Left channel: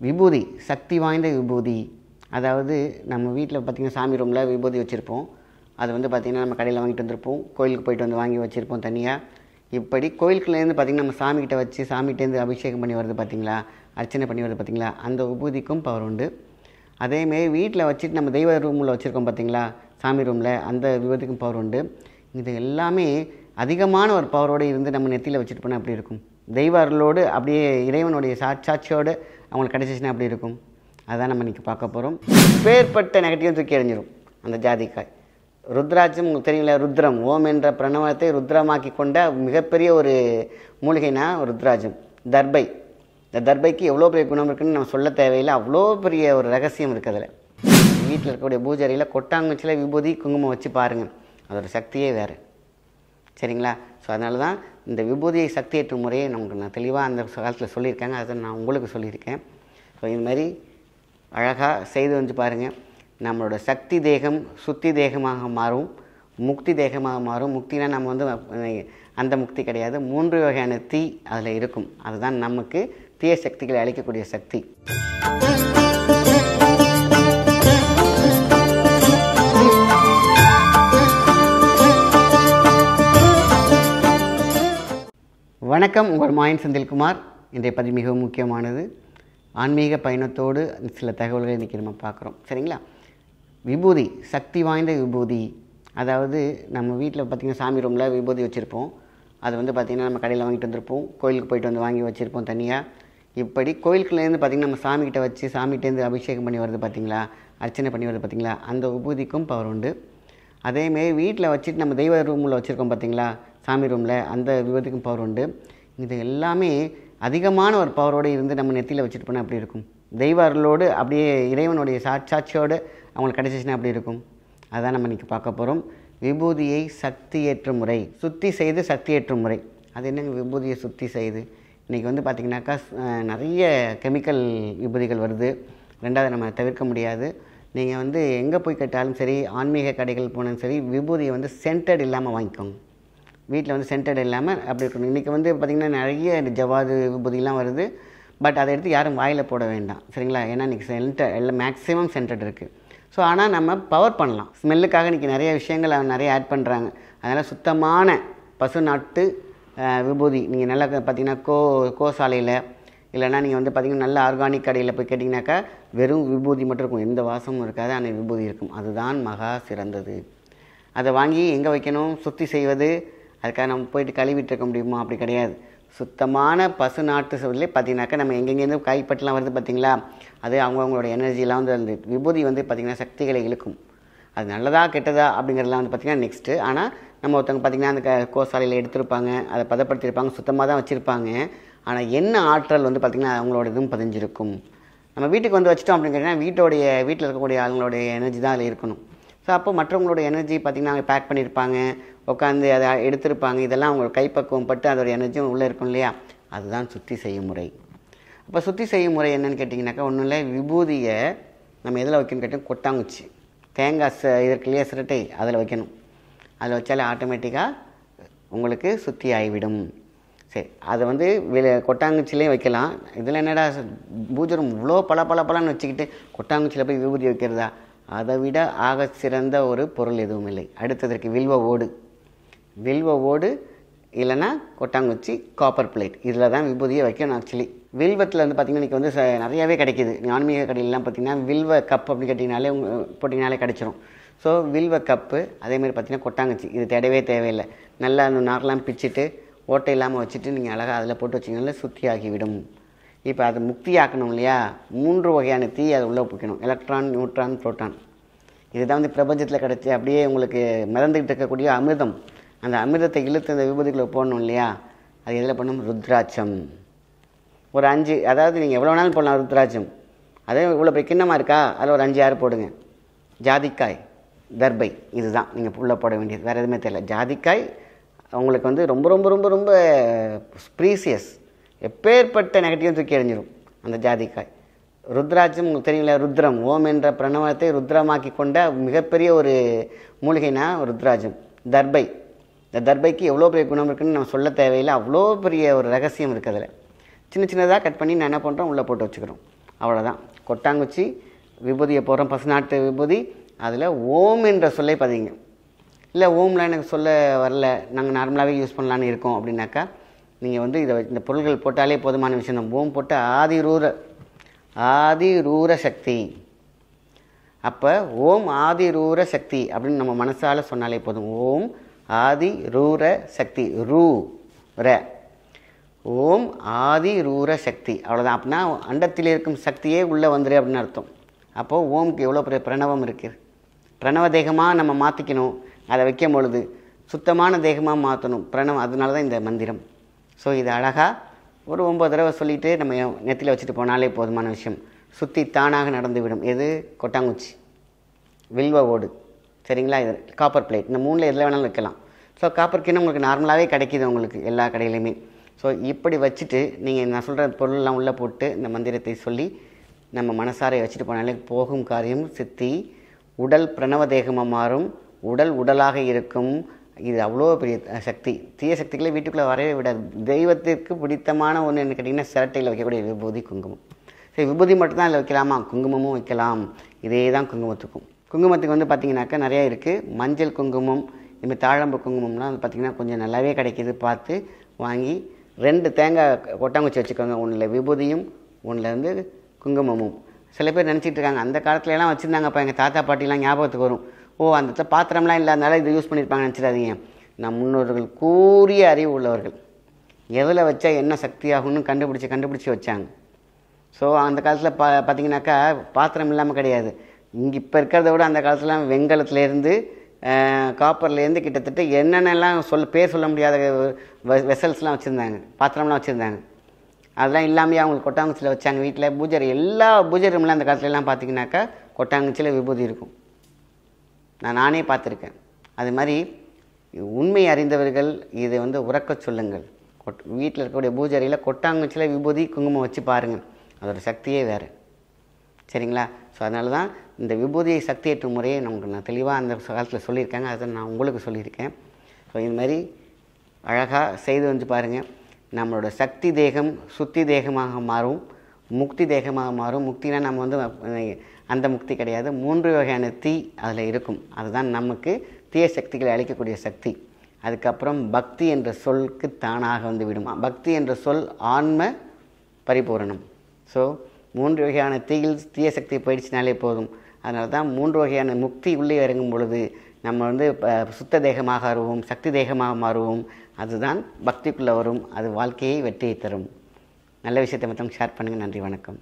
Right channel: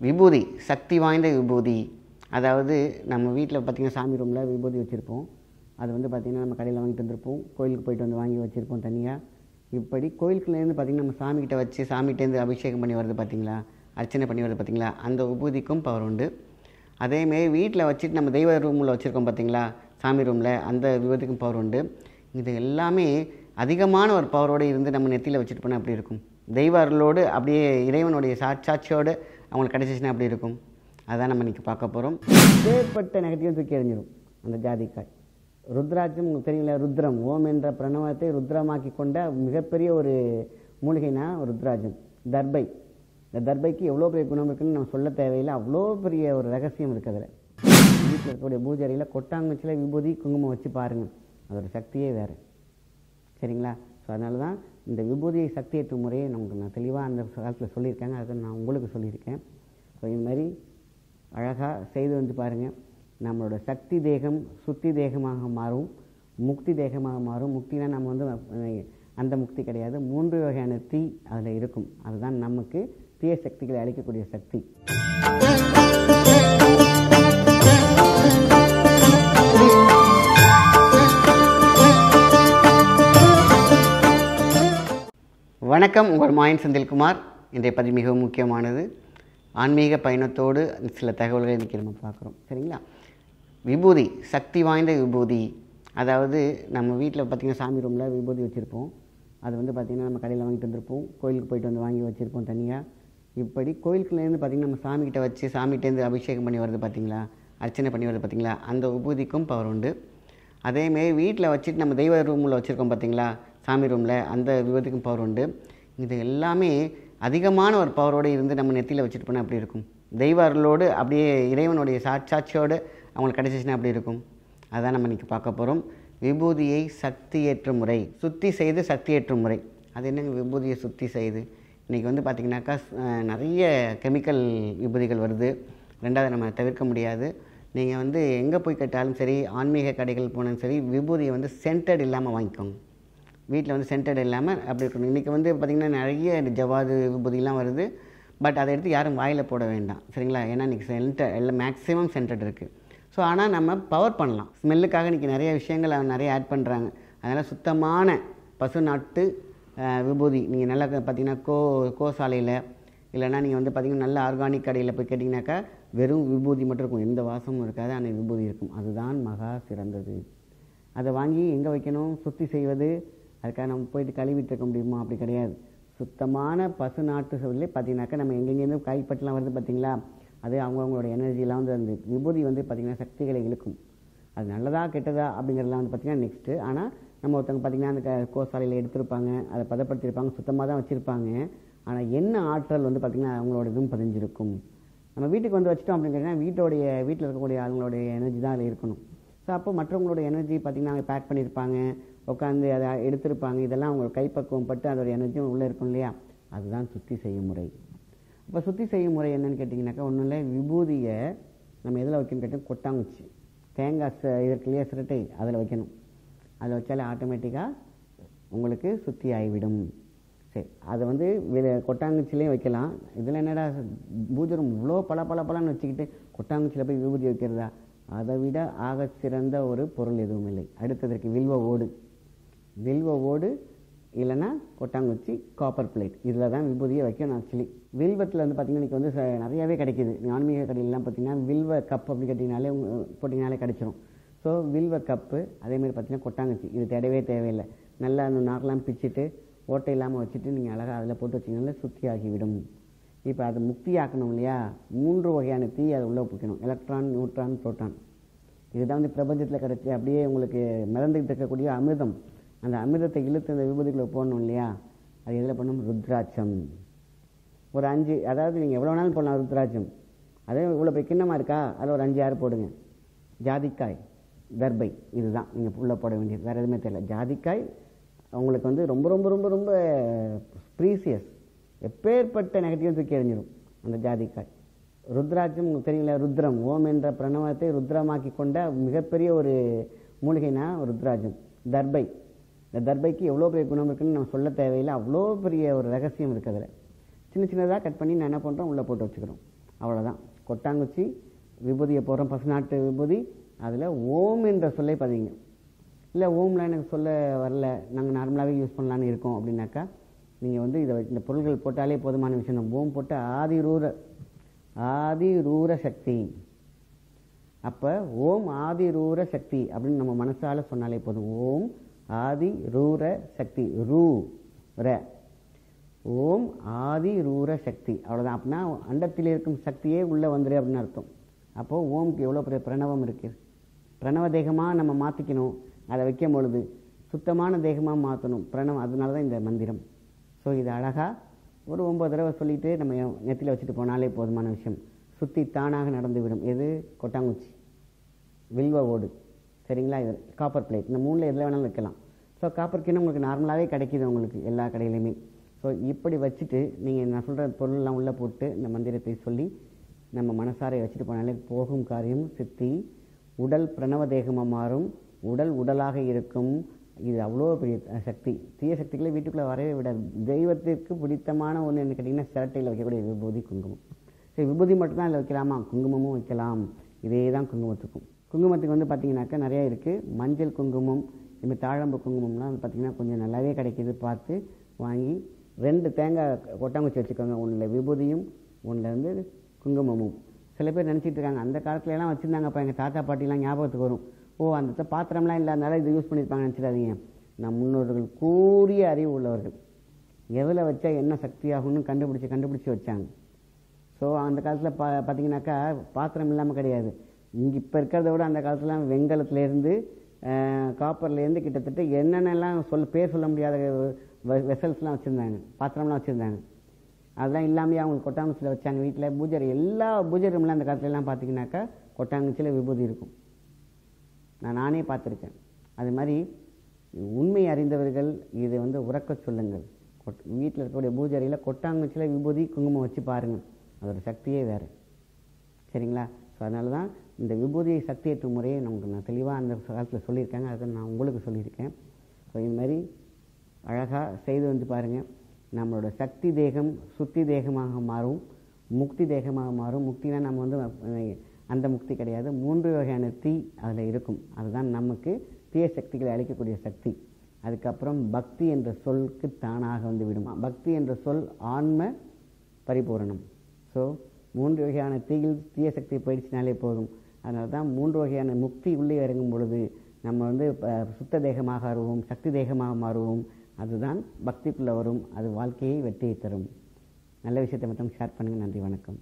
விபூதி, சக்தி வாய்ந்த விபூதி. அதாவது நம்ம வீட்டில் பார்த்திங்கன்னா சாமி ரூமில் விபூதி வச்சுருப்போம். அது வந்து பார்த்திங்கன்னா நம்ம கடையில் வாங்கிட்டு வந்திருப்போம், கோயிலுக்கு போயிட்டு வந்து வாங்கி வச்சுருப்போம் தனியாக. இப்படி கோயிலுக்குலேருந்து பார்த்திங்கன்னா நம்ம சாமிக்கிட்ட வச்சு சாமிகிட்டேருந்து அபிஷேகம் பண்ணி வருது பார்த்திங்களா, அர்ச்சனை பண்ணி வருது பார்த்திங்களா, அந்த விபூதிக்கும் பவர் உண்டு. அதேமாரி வீட்டில் வச்சுட்டு நம்ம தெய்வ ரூமில் வச்சுருக்கோம் பார்த்திங்களா, சாமி ரூமில், அந்த விபூதிக்கும் பவர் உண்டு. இது எல்லாமே அதிகமான ஒரு பவரோடு இருந்து நம்ம நெத்தியில் வச்சுட்டு போனால் அப்படி இருக்கும். தெய்வ அருளோடு அப்படியே இறைவனுடைய சாட்சியோடு அவங்களுக்கு கிடச்சிச்சின்னா அப்படி இருக்கும். அதான் நம்ம இன்றைக்கி பார்க்க போகிறோம். பேர்பட்ட நெகட்டிவ் தூக்கி எறிஞ்சிடும் அந்த ஜாதிக்காய். ருத்ராட்சம் உங்களுக்கு தெரியல, ருத்ரம், ஓம் என்ற பிரணவத்தை ருத்ரமாக்கி கொண்ட மிகப்பெரிய ஒரு மூலிகைனா ருத்ராட்சம். தர்பை, இந்த தர்பைக்கு எவ்வளோ பெரிய குணம் இருக்குதுன்னு நம்ம சொல்ல தேவையில்லை, அவ்வளோ பெரிய ஒரு ரகசியம் இருக்குது அதில். வீட்டில் இருக்கக்கூடிய பூஜையில் கொட்டாங்குச்சியில் விபூதி குங்குமம் வச்சு பாருங்கள், அதோட சக்தியே வேறு. சரிங்களா? ஸோ அதனால தான் இந்த விபூதியை சக்தியேற்றும் முறையை நான் தெளிவாக அந்த காலத்தில் சொல்லியிருக்காங்க, அதை நான் உங்களுக்கு சொல்லியிருக்கேன். ஸோ இது மாதிரி அழகாக செய்து வந்து பாருங்கள். நம்மளோட சக்தி தேகம் சுத்தி தேகமாக மாறும், முக்தி தேகமாக மாறும். முக்தினா நம்ம வந்து அந்த முக்தி கிடையாது, 3 வகையான தீ அதில் இருக்கும். அதுதான் நமக்கு தீய சக்திகளை அழிக்கக்கூடிய சக்தி. வணக்கம், உங்கள் மாயன் செந்தில்குமார். இன்றைய பதிவு மிகவும் முக்கியமானது. ஆன்மீக பயணத்தோடு சில தகவல்களை இன்றைக்கி நம்ம பார்க்குறோம். சரிங்களா? விபூதி, சக்தி வாய்ந்த விபூதி. அதாவது நம்ம வீட்டில் பார்த்திங்கன்னா சாமி ரூமில் விபூதி வச்சுருப்போம். அது வந்து பார்த்திங்கன்னா நம்ம கடையில் வாங்கிட்டு வந்திருப்போம், கோயிலுக்கு போயிட்டு வந்து வாங்கி வச்சுருப்போம் தனியாக. இப்படி கோயிலுக்குள்ளேருந்து பார்த்திங்கன்னா நம்ம சாமிக்கிட்ட வச்சு சாமிகிட்டேருந்து அபிஷேகம் பண்ணி வருது பார்த்திங்களா, அர்ச்சனை பண்ணி வருது பார்த்திங்களா, அந்த விபூதிக்கும் பவர் உண்டு. அதேமாரி வீட்டில் வச்சுட்டு நம்ம தெய்வ ரூமில் வச்சுருக்கோம் பார்த்திங்களா, சாமி ரூமில், அந்த விபூதிக்கும் பவர் உண்டு. இது எல்லாமே அதிகமான ஒரு பவரோடு இருந்து நம்ம நெத்தியில் வச்சுட்டு போனால் அப்படி இருக்கும். தெய்வ அருளோடு அப்படியே இறைவனுடைய சாட்சியோடு அவங்களுக்கு கிடச்சிச்சின்னா அப்படி இருக்கும். அதான் நம்ம இன்றைக்கி பார்க்க போகிறோம். விபூதியை சக்தி ஏற்றும் முறை, சுத்தி செய்து சக்தி ஏற்றும் முறை. அது என்னங்க விபூதியை சுத்தி செய்து? இன்றைக்கி வந்து பார்த்திங்கனாக்கா நிறைய கெமிக்கல் விபூதிகள் வருது. ரெண்டாவது நம்ம தவிர்க்க முடியாது. நீங்கள் வந்து எங்கே போய் கேட்டாலும் சரி, ஆன்மீக கடைகள் போனாலும் சரி, விபூதியை வந்து சென்டட் இல்லாமல் வாங்கிக்கோங்க. வீட்டில் வந்து சென்டட் இல்லாமல் அப்படி இருக்கணும். இன்றைக்கி வந்து பார்த்திங்கன்னா நிறைய ஜவாது விபூதிலாம் வருது. பட் அதை எடுத்து யாரும் வாயில் போட வேண்டாம். சரிங்களா? ஏன்னா இன்றைக்கி எல்லாம் மேக்ஸிமம் சென்டட் இருக்குது. ஸோ ஆனால் நம்ம பவர் பண்ணலாம். ஸ்மெல்லுக்காக இன்றைக்கி நிறைய விஷயங்கள் நிறைய ஆட் பண்ணுறாங்க. அதனால் சுத்தமான பசு நாட்டு விபூதி நீங்கள் நல்லா பார்த்திங்கன்னா கோசாலையில் இல்லைனா நீங்கள் வந்து பார்த்திங்கன்னா நல்ல ஆர்கானிக் கடையில் போய் கேட்டிங்கனாக்கா வெறும் விபூதி மட்டும் இருக்கும், எந்த வாசமும் இருக்காது, ஆனால் விபூதி இருக்கும். அதுதான் மகா சிறந்தது. அதை வாங்கி எங்கே வைக்கணும்? சுத்தி செய்வது. அதுக்காக நம்ம போயிட்டு கழுவிட்டு இருக்க முடியுமா? அப்படி கிடையாது. சுத்தமான பசு நாட்டு சொல்லே பார்த்திங்கனாக்கா நம்ம எங்கெங்கேருந்து கைப்பற்றலாம் வருது பார்த்திங்களா, அது அவங்களோட எனர்ஜிலாம் வந்து அந்த விபூதி வந்து பார்த்திங்கன்னா சக்திகளை இழுக்கும். அது நல்லதா கெட்டதா அப்படிங்கிறதுலாம் வந்து பார்த்திங்கன்னா நெக்ஸ்ட்டு. ஆனால் நம்ம ஒருத்தவங்க பார்த்திங்கன்னா அந்த கோசாலையில் எடுத்திருப்பாங்க, அதை பதப்படுத்தியிருப்பாங்க, சுத்தமாக தான் வச்சுருப்பாங்க. ஆனால் என்ன ஆற்றல் வந்து பார்த்திங்கன்னா அவங்களோட இதுவும் பதிஞ்சிருக்கும். நம்ம வீட்டுக்கு வந்து வச்சிட்டோம் அப்படிங்கிறதுனா வீட்டில் இருக்கக்கூடிய அவங்களுடைய எனர்ஜி தான் அதில் இருக்கணும். ஸோ அப்போ மற்றவங்களோட எனர்ஜி பார்த்திங்கன்னா அவங்க பேக் பண்ணியிருப்பாங்க, உட்காந்து அதை எடுத்திருப்பாங்க. இதெல்லாம் அவங்க கைப்பக்குவம் பட்டு அதோட எனர்ஜியும் உள்ளே இருக்கும் இல்லையா? அதுதான் சுத்தி செய்யும் முறை. அப்போ சுத்தி செய்யும் முறை என்னென்னு கேட்டிங்கனாக்கா ஒன்றும் இல்லை, விபூதியை நம்ம எதில் வைக்கணும்னு கேட்டால் கொட்டாங்குச்சி, தேங்காய் இதற்கு இல்லையா சிரட்டை, அதில் வைக்கணும். அதில் வச்சாலே ஆட்டோமேட்டிக்காக உங்களுக்கு சுத்தி ஆகிவிடும். சரி, அதை வந்து கொட்டாங்குச்சிலே வைக்கலாம். இதில் என்னடா பூஜரம் இவ்வளோ பலன்னு வச்சுக்கிட்டு கொட்டாங்குச்சியில் போய் விபூதி வைக்கிறதா? அதை விட ஆக சிறந்த ஒரு பொருள் எதுவும் இல்லை. அடுத்ததற்கு வில்வ ஓடு இல்லைன்னா கொட்டாங்குச்சி, காப்பர் பிளேட், இதில் தான் விபூதியை வைக்கணும். ஆக்சுவலி வில்வத்தில் வந்து பார்த்திங்கன்னா இன்றைக்கி வந்து நிறையாவே கிடைக்கிது. ஆன்மீக கடையிலலாம் பார்த்திங்கன்னா வில்வ கப் அப்படி கேட்டிங்கனாலே போட்டிங்கனாலே கிடச்சிரும். ஸோ வில்வ கப்பு, அதேமாதிரி பார்த்திங்கன்னா கொட்டாங்குச்சி, இது தேவையில்லை. நல்லா அந்த நார்லாம் பிச்சுட்டு ஓட்டை இல்லாமல் வச்சுட்டு நீங்கள் அழகாக அதில் போட்டு வச்சிங்கனால சுத்தி ஆகிவிடும். இப்போ அது முக்தி ஆக்கணும் இல்லையா? 3 வகையான தீ அதை உள்ளே வைக்கணும். Electron, neutron, proton. இதுதான் வந்து பிரபஞ்சத்தில் கிடச்சி அப்படியே உங்களுக்கு மிதந்துக்கிட்டு இருக்கக்கூடிய அமிர்தம். அந்த அமிர்தத்தை இழுத்து அந்த விபூதிகளை போடணும் இல்லையா? அது எதில் பண்ணணும்? ருத்ராட்சம். ஒரு 5, அதாவது நீங்கள் எவ்வளோ வேணாலும் போடலாம் ருத்ராட்சம். அதே இவ்வளோ பெரிய கிண்ணமாக இருக்கா, அதில் ஒரு 5-6 போடுங்க. ஜாதிக்காய், தர்பை, இதுதான் நீங்கள் உள்ளே போட வேண்டியது. வேறு எதுவுமே தெரியல. ஜாதிக்காய் உங்களுக்கு வந்து ரொம்ப ரொம்ப ரொம்ப ரொம்ப ப்ரீசியஸ். எப்பேற்பட்ட நெகட்டிவ் தூக்கி எறிஞ்சிடும் அந்த ஜாதிக்காய். ருத்ராட்சம் உங்களுக்கு தெரியல, ருத்ரம், ஓம் என்ற பிரணவத்தை ருத்ரமாக்கி கொண்ட மிகப்பெரிய ஒரு மூலிகைனா ருத்ராட்சம். தர்பை, இந்த தர்பைக்கு எவ்வளோ பெரிய குணம் இருக்குதுன்னு நம்ம சொல்ல தேவையில்லை, அவ்வளோ பெரிய ஒரு ரகசியம் இருக்குது அதில். சின்னதாக கட் பண்ணி நான் என்ன பண்ணுறோம், உள்ளே போட்டு வச்சுக்கிறோம். அவ்வளோதான். கொட்டாங்குச்சி விபூதியை போடுறோம், பசுநாட்டு விபூதி. அதில் ஓம் என்ற சொல்லை பதிங்க. இல்லை ஓம்லாம் எனக்கு சொல்ல வரல, நாங்கள் நார்மலாகவே யூஸ் பண்ணலான்னு இருக்கோம் அப்படின்னாக்கா, நீங்கள் வந்து இந்த பொருள்கள் போட்டாலே போதுமான விஷயம் தான். ஓம் போட்டு ஆதிரூர சக்தி. அப்போ ஓம் ஆதிரூர சக்தி அப்படின்னு நம்ம மனசால் சொன்னாலே போதும். ஓம் ஆதிரூர சக்தி, ஓம் ஆதிரூர சக்தி, அவ்வளோதான். அப்படின்னா அண்டத்தில் இருக்கும் சக்தியே உள்ளே வந்துரு அப்படின்னு அர்த்தம். அப்போது ஓம்க்கு எவ்வளோ பெரிய பிரணவம் இருக்குது. பிரணவ தேகமாக நம்ம மாற்றிக்கணும். அதை வைக்கும் பொழுது சுத்தமான தேகமாக மாற்றணும் பிரணவம். அதனால தான் இந்த மந்திரம். ஸோ இது அழகாக ஒரு 9 தடவை சொல்லிவிட்டு நம்ம நெத்தியில் வச்சுட்டு போனாலே போதுமான விஷயம். சுற்றி தானாக நடந்துவிடும். எது? கொட்டாங்குச்சி, வில்வ ஓடு, சரிங்களா? இது காப்பர் பிளேட். இந்த 3ல் எதில் வேணாலும் வைக்கலாம். ஸோ காப்பர் கிண்ணம் உங்களுக்கு நார்மலாகவே கிடைக்கிது உங்களுக்கு எல்லா கடையிலையுமே. ஸோ இப்படி வச்சுட்டு நீங்கள் நான் சொல்கிற பொருளெலாம் உள்ளே போட்டு இந்த மந்திரத்தை சொல்லி நம்ம மனசாரை வச்சுட்டு போனாலே போகும் காரியம் சித்தி. உடல் பிரணவ தேகமாக மாறும். உடலாக இருக்கும். இது அவ்வளோ பெரிய சக்தி. தீய சக்திகளை வீட்டுக்குள்ளே வரவே விடாது. தெய்வத்திற்கு பிடித்தமான ஒன்று என்ன கேட்டிங்கன்னா, சிரட்டையில் வைக்கக்கூடிய விபூதி, குங்குமம். சரி, விபூதி மட்டும்தான் அதில் வைக்கலாமா? குங்குமமும் வைக்கலாம். இதே தான் குங்குமத்துக்கும். குங்குமத்துக்கு வந்து பார்த்திங்கனாக்கா நிறையா இருக்குது. மஞ்சள் குங்குமம், இதுமாதிரி தாழம்பு குங்குமம்லாம் வந்து பார்த்திங்கன்னா கொஞ்சம் நல்லாவே கிடைக்கிது. பார்த்து வாங்கி 2 தேங்காய் கொட்டாங்குச்சி வச்சுக்கோங்க. ஒன்றில் விபூதியும் ஒன்றில் வந்து குங்குமமும். சில பேர் நினச்சிட்டு இருக்காங்க, அந்த காலத்துலலாம் வச்சுருந்தாங்கப்பா எங்கள் தாத்தா பாட்டிலாம் ஞாபகத்துக்கு வரும். அந்த இடத்துல பாத்திரம்லாம் இல்லாதனால இதை யூஸ் பண்ணியிருப்பாங்க நினச்சிடாதீங்க. நம் முன்னோர்கள் கூறிய அறிவு உள்ளவர்கள். எதில் வச்சா என்ன சக்தியாகும்னு கண்டுபிடிச்சி வச்சாங்க. ஸோ அந்த காலத்தில் பார்த்திங்கனாக்கா பாத்திரம் இல்லாமல் கிடையாது. இங்கே இப்போ இருக்கிறத விட அந்த காலத்துலாம் வெங்கலத்துலேருந்து காப்பர்லேருந்து கிட்டத்தட்ட என்னென்னலாம் பேர் சொல்ல முடியாத வெசல்ஸ்லாம் வச்சுருந்தாங்க, பாத்திரம்லாம் வச்சுருந்தாங்க. அதெல்லாம் இல்லாமல் அவங்களுக்கு கொட்டாங்குச்சியில் வச்சாங்க. வீட்டில் பூஜை, எல்லா பூஜை ரூம்லாம் அந்த காலத்துலலாம் பார்த்திங்கனாக்கா கொட்டாங்குச்சியில் விபூதி இருக்கும். நானே பார்த்துருக்கேன். அது மாதிரி உண்மை அறிந்தவர்கள் இதை வந்து உறக்க சொல்லுங்கள். வீட்டில் இருக்கக்கூடிய பூஜை அறையில் கொட்டாங்குச்சியில் விபூதி குங்குமம் வச்சு பாருங்கள். அதோட சக்தியே வேறு, சரிங்களா? ஸோ அதனால தான் இந்த விபூதியை சக்தியேற்றும் முறையை நான் தெளிவாக அந்த காலத்தில் சொல்லியிருக்காங்க. அதை நான் உங்களுக்கு சொல்லியிருக்கேன். ஸோ இது மாதிரி அழகாக செய்து வந்து பாருங்கள். நம்மளோட சக்தி தேகம் சுத்தி தேகமாக மாறும், முக்தி தேகமாக மாறும். முக்தினா நம்ம வந்து அந்த முக்தி கிடையாது. 3 வகையான தீ அதில் இருக்கும். அதுதான் நமக்கு தீய சக்திகளை அழிக்கக்கூடிய சக்தி. அதுக்கப்புறம் பக்தி என்ற சொல்லுக்கு தானாக வந்து விடும். பக்தி என்ற சொல் ஆன்ம பரிபூரணம். ஸோ 3 வகையான தீய சக்தி போயிடுச்சினாலே போதும். அதனால தான் 3 வகையான முக்தி உள்ளே இறங்கும் பொழுது நம்ம வந்து சுத்த தேகமாக மாறுவோம், சக்தி தேகமாக மாறுவோம். அதுதான் பக்திக்குள்ளே வரும். அது வாழ்க்கையை வெற்றியை தரும். நல்ல விஷயத்தை மட்டும் ஷேர் பண்ணுங்கள். நன்றி, வணக்கம்.